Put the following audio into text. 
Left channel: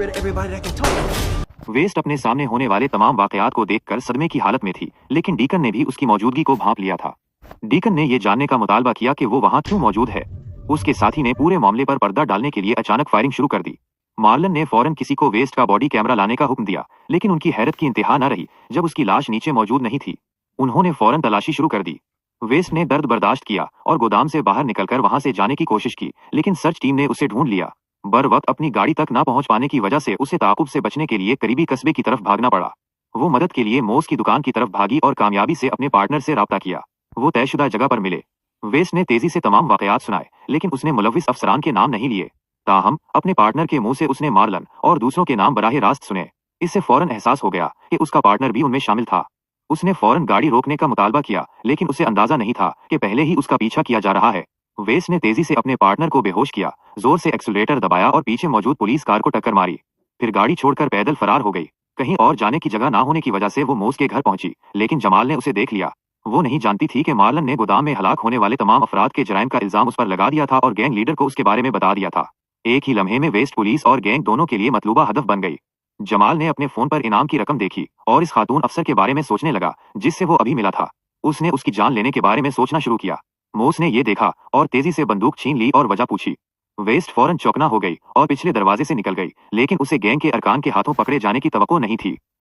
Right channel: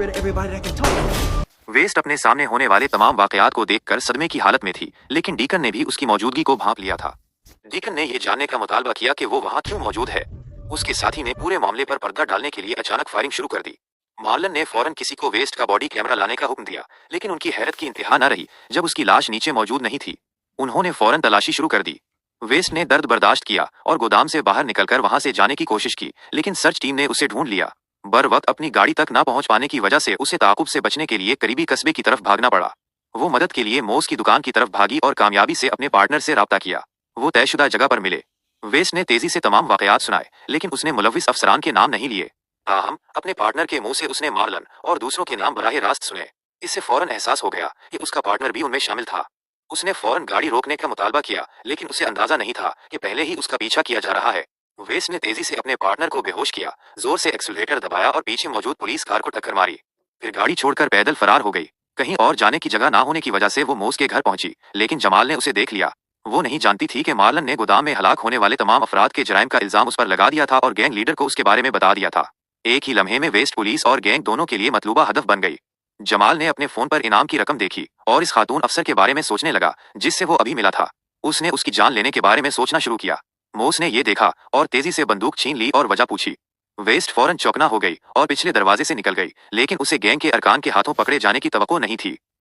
rid of everybody that can talk. वेस्ट अपने सामने होने वाले तमाम वाकयात को देखकर सदमे की हालत में थी, लेकिन डीकन ने भी उसकी मौजूदगी को भांप लिया था। डीकन ने ये जानने का मुतालबा किया कि वो वहां क्यों मौजूद है। उसके साथी ने पूरे मामले पर पर्दा डालने के लिए अचानक फायरिंग शुरू कर दी। मार्लन ने फौरन किसी को वेस्ट का बॉडी कैमरा लाने का हुक्म दिया, लेकिन उनकी हैरत की इंतहा न रही जब उसकी लाश नीचे मौजूद नहीं थी। उन्होंने फौरन तलाशी शुरू कर दी। वेस्ट ने दर्द बर्दाश्त किया और गोदाम से बाहर निकलकर वहां से जाने की कोशिश की, लेकिन सर्च टीम ने उसे ढूंढ लिया। बर वक्त अपनी गाड़ी तक ना पहुंच पाने की वजह से उसे ताक़ुब से बचने के लिए करीबी कस्बे की तरफ भागना पड़ा। वो मदद के लिए मोस की दुकान की तरफ भागी और कामयाबी से अपने पार्टनर से राब्ता किया। वो तयशुदा जगह पर मिले। वेस्ट ने तेजी से तमाम वाकयात सुनाए, लेकिन उसने मुलव्विस अफसरान के नाम नहीं लिए। ताहम अपने पार्टनर के मुंह से उसने मार्लन और दूसरों के नाम बराह रास्त सुने। इससे फौरन एहसास हो गया कि उसका पार्टनर भी उनमें शामिल था। उसने फौरन गाड़ी रोकने का मुतालबा किया, लेकिन उसे अंदाजा नहीं था कि पहले ही उसका पीछा किया जा रहा है। वेस्ट ने तेजी से अपने पार्टनर को बेहोश किया, जोर से एक्सीलरेटर दबाया और पीछे मौजूद पुलिस कार को टक्कर मारी। फिर गाड़ी छोड़कर पैदल फरार हो गई। कहीं और जाने की जगह ना होने की वजह से वो मोस के घर पहुंची, लेकिन जमाल ने उसे देख लिया। वो नहीं जानती थी कि मार्लन ने गोदाम में हलाक होने वाले तमाम अफराद के जराइम का इल्जाम उस पर लगा दिया था और गैंग लीडर को उसके बारे में बता दिया था। एक ही लम्हे में वेस्ट पुलिस और गैंग दोनों के लिए मतलूबा हदफ बन गई। जमाल ने अपने फोन पर इनाम की रकम देखी और इस खातून अफसर के बारे में सोचने लगा जिससे वो अभी मिला था। उसने उसकी जान लेने के बारे में सोचना शुरू किया। मोस ने ये देखा और तेजी से बंदूक छीन ली और वजह पूछी। वेस्ट फौरन चौकना हो गई और पिछले दरवाजे से निकल गई, लेकिन उसे गैंग के अरकान के हाथों पकड़े जाने की तवक्को नहीं थी।